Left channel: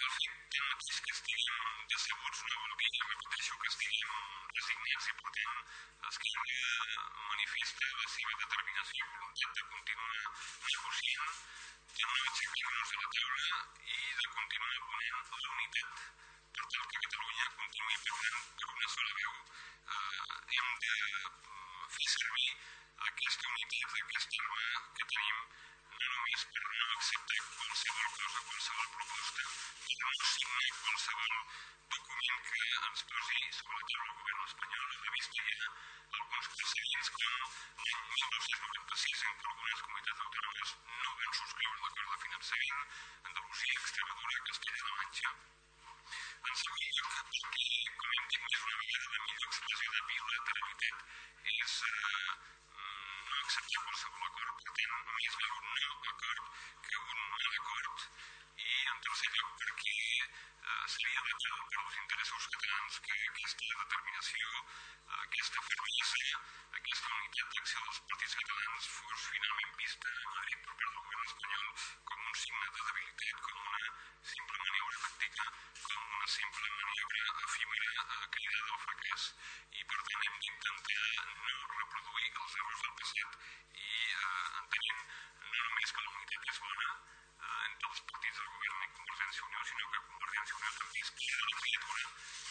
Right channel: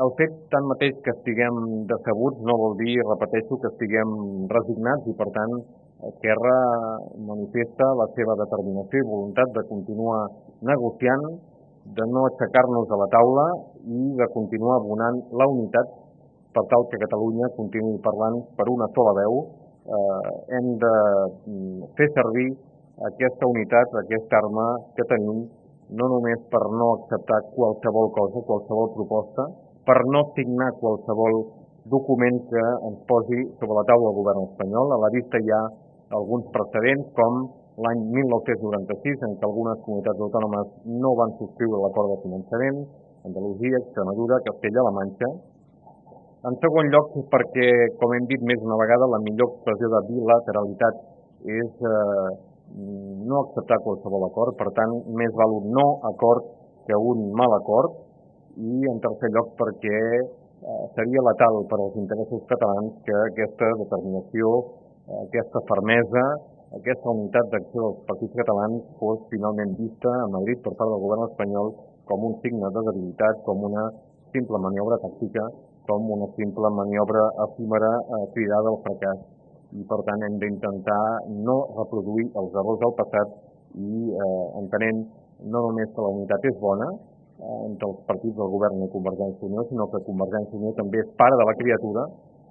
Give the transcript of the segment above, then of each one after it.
El fet, tanmateix, que estiguem decebuts no vol dir, repeteixo, que estiguem resignats i, per tant, Esquerra manifesta la seva determinació i voluntat de continuar negociant, de no aixecar-nos a la taula i de continuar abonant la unitat per tal que Catalunya continuï parlant per una sola veu. Hem de fer servir aquesta unitat, aquesta arma que tenim, no només per no acceptar qualsevol cosa, qualsevol proposta, per no signar qualsevol document que ens posi sobre la taula el govern espanyol. A la vista hi ha alguns precedents, com l'any 1996, en què algunes comunitats autònomes no van subscriure l'acord de finançament, Andalusia, Extremadura, Castella-La Manxa. En segon lloc, perquè, com hem dit més d'una vegada, la millor expressió de bilateralitat és no acceptar qualsevol acord. Per tant, més val un no acord que un mal acord. I, en tercer lloc, perquè seria letal per als interessos catalans que aquesta determinació, aquesta fermesa, aquesta unitat d'acció dels partits catalans fos finalment vista a Madrid per part del govern espanyol com un signe de debilitat, com una simple maniobra tàctica, com una simple maniobra efímera cridada al fracàs. I, per tant, hem d'intentar no reproduir els errors del passat i entenent no només que la unitat és bona entre els partits del govern i Convergència i Unió, sinó que Convergència i Unió també és pare de la criatura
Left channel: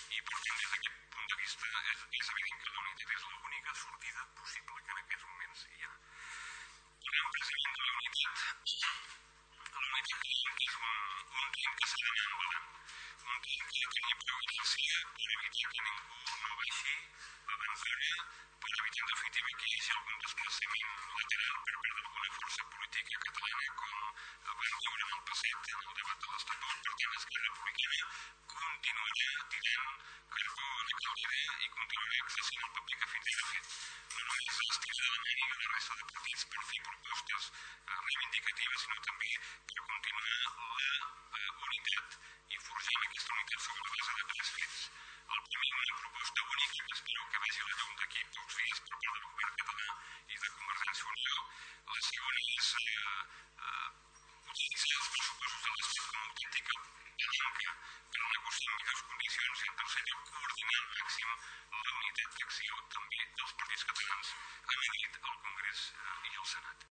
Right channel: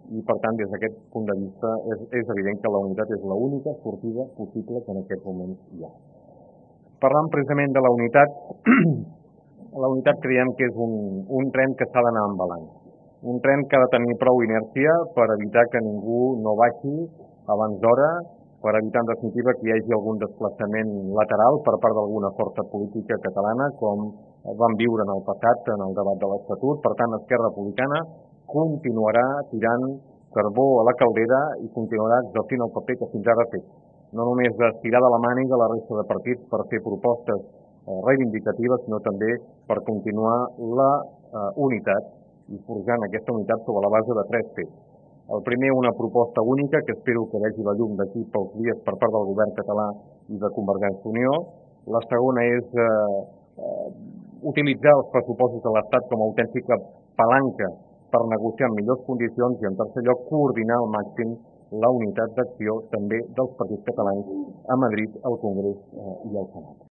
i, per tant, des d'aquest punt de vista és evident que la unitat és l'única sortida possible que en aquests moments hi ha. Parlant precisament de la unitat creiem que és un tren que s'ha d'anar embalant. Un tren que ha de tenir prou inèrcia per evitar que ningú no baixi abans d'hora, per evitar, en definitiva, que hi hagi algun desplaçament lateral per part d'alguna força política catalana, com vam viure en el passat en el debat de l'Estatut. Per tant, Esquerra Republicana continuarà tirant carbó a la caldera i continuarà exercint el paper que fins ara ha fet. No només estirar de la màniga la resta de partits per fer propostes reivindicatives, sinó també per continuar la unitat i forjant aquesta unitat sobre la base de 3 fets. El primer, una proposta única, que espero que vegi la llum d'aquí pocs dies per part del govern català i de Convergència i Unió. La segona és utilitzar els pressupostos de l'Estat com a autèntica palanca per negociar en millors condicions i, en tercer lloc, coordinar al màxim la unitat d'acció també dels partits catalans a Madrid, al Congrés i al Senat.